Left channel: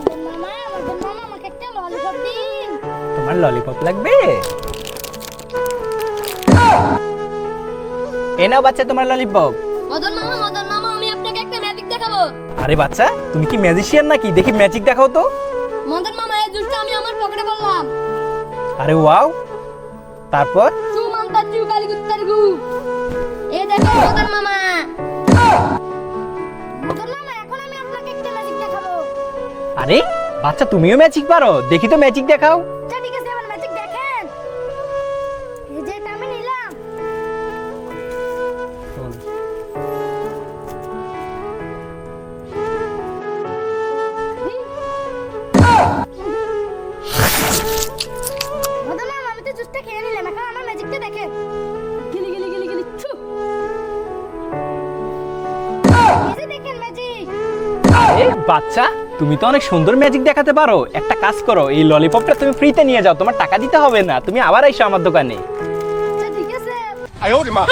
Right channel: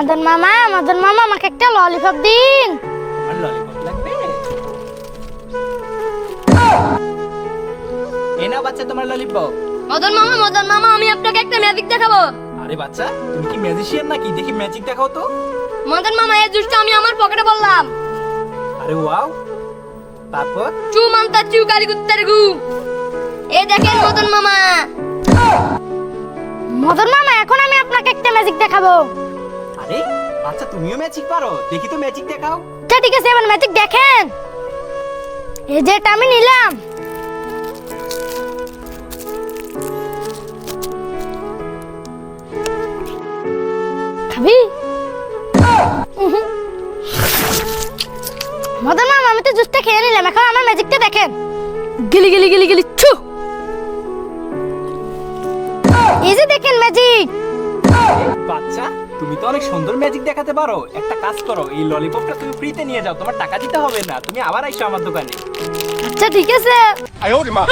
মদন মামা মদন মামা আমাকে একটা ললিপপ দিন। তোমার ললিপপ লাগবে? এ নাও বাচ্চা তোমার ললিপপ মদন মামা মদন মামা আমি আপনাকে একটা ম্যাজিক দেখাবো। আরে বাচ্চা তুমি কি ম্যাজিশিয়ান নাকি? দেখি ম্যাজিক দেখাও তো। মদন মামা এই জুসটা আমি আমার পকেটে বললাম। আরে ওয়াও। তারপর? চু মানতা চু কালি কুত্তের গু। এই দেখেন মদন মামা। মদন মামা এখন আমি আপনাকে একটা ম্যাজিক দেখাবো। আরে বাচ্চা তুমিও ম্যাজিক পারো। দেখি তো ম্যাজিক দেখাও। আচ্ছা ঠিক আছে এবার ম্যাজিক দেখেন। এই যে এটা আমি নিলাম। খাবি মদন মামা আমি তো জুসটা খেয়ে নিলাম এখন আমার ম্যাজিকটা দেখেন। গিলি গিলি গিলি গিলি ছু। এই যে দেখেন আচ্ছা তুমি তো অনেক সুন্দর ম্যাজিক দেখাতে পারো। একটা কাজ করো এই ললিপপটা তুমি ফ্রিতে নিয়ে যাও তোমার টাকা দিতে হবে না তুমি আবার এসো আমার দোকানে। আচ্ছা ঠিক আছে। আয় মা।